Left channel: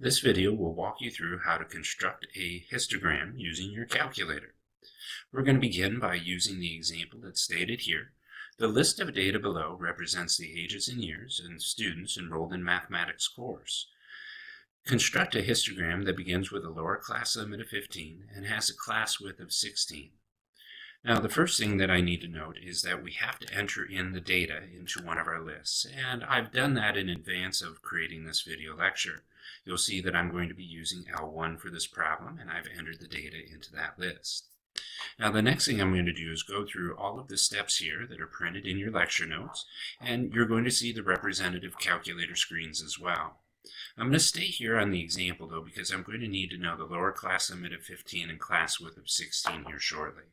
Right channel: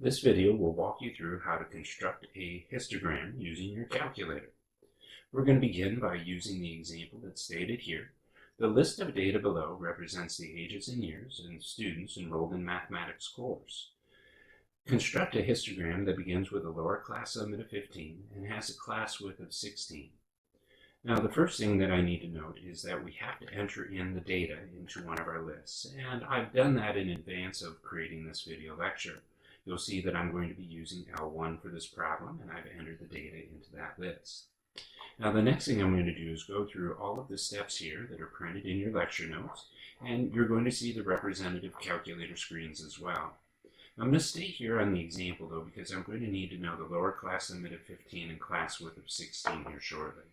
This video will walk you through how to construct a histogram using your calculator. We're going to begin by using the example that's stated here. The list of data below represents the ages and years of students enrolled in mathematics course. Construct a histogram that begins with a lower class limit of 15 and has a class width of 16. Now, the first thing that I need to note is that we have to enter in the data into one of our lists, and I've done that in advance of creating this video lecture. You'll see that I'm going to be using L1 for this problem, and I've entered the data into that list. Now, the next thing I'm going to do is go through all of the steps here that are printed in your lecture notes, and you're going to see the representative calculator screens as well. I'm going to stay here on the example, though, because I'm going to need to know the lower class limit of 15 and class width of 16 here shortly.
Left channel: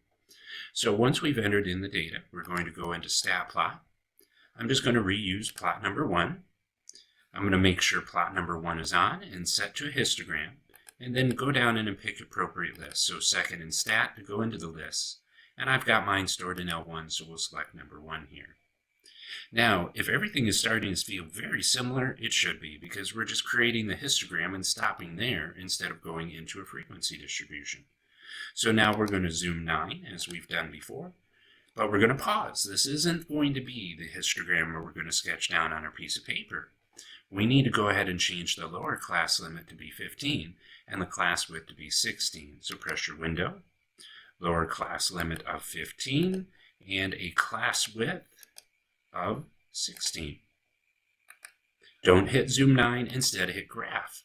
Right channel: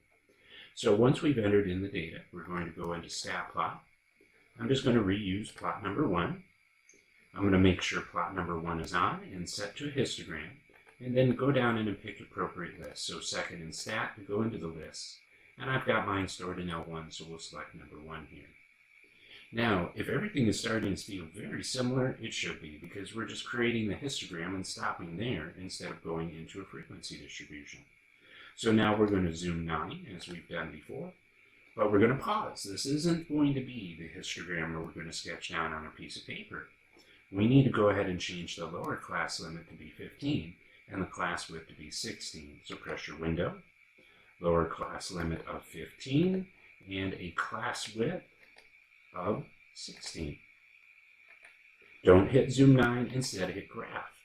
So once we've entered in the data, we're going to go into stat plot. I'm just going to reuse plot number 1. I'm going to make sure plot number 1 is on and set to a histogram, and then go down in and pick appropriate lists. So second in stat to go into the list, and I've got mine stored in L1, so we'll select number 1 here. Now, if everything is starting to feel very similar, it should be, because we're just creating the histogram and stopping there instead of going into a frequency distribution. So now we're going to zoom 9, as we've done before, but we're going to pause. This isn't going to be the histogram where we're going to sketch down on a piece of paper. We need to go ahead and change the lower class limit to be 15 and the class width to be 16. So press your window, lower class limit of 15, and a class width of 16. Don't hit zoom 9, instead hit graph.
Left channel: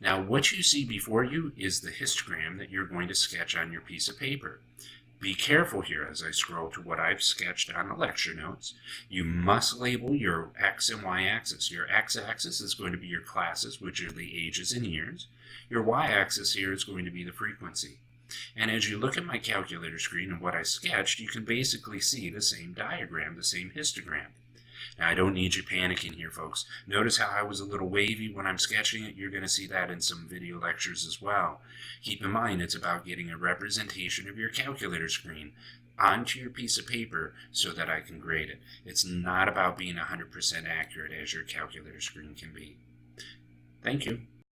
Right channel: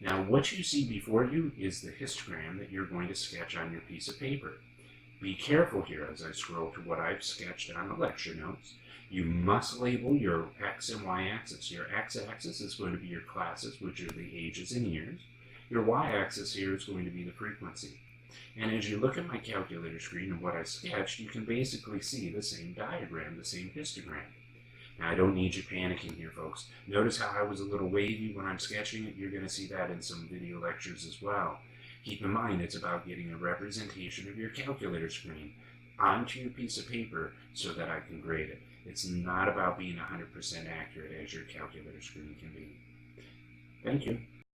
Now, what you see before you is the histogram that you're going to sketch on your piece of paper. Be careful here as I scroll to what I've sketched on the lecture notes. You must label your X and Y axis. Your X axis is going to be your classes, which are the ages and years. Your Y axis here is going to be the frequency. And as you look at my calculator screen and what I sketched, you can basically see the same diagram, the same histogram. Now, I don't need you panicking here, folks. Notice how I was a little wavy when I'm sketching it. You're going to see that in some video lectures as well. Keep in mind, it's about getting a representation of your calculator screen onto your piece of paper so that I can grade it. It's not about being 100% accurate as your calculator screen can be. Thank you.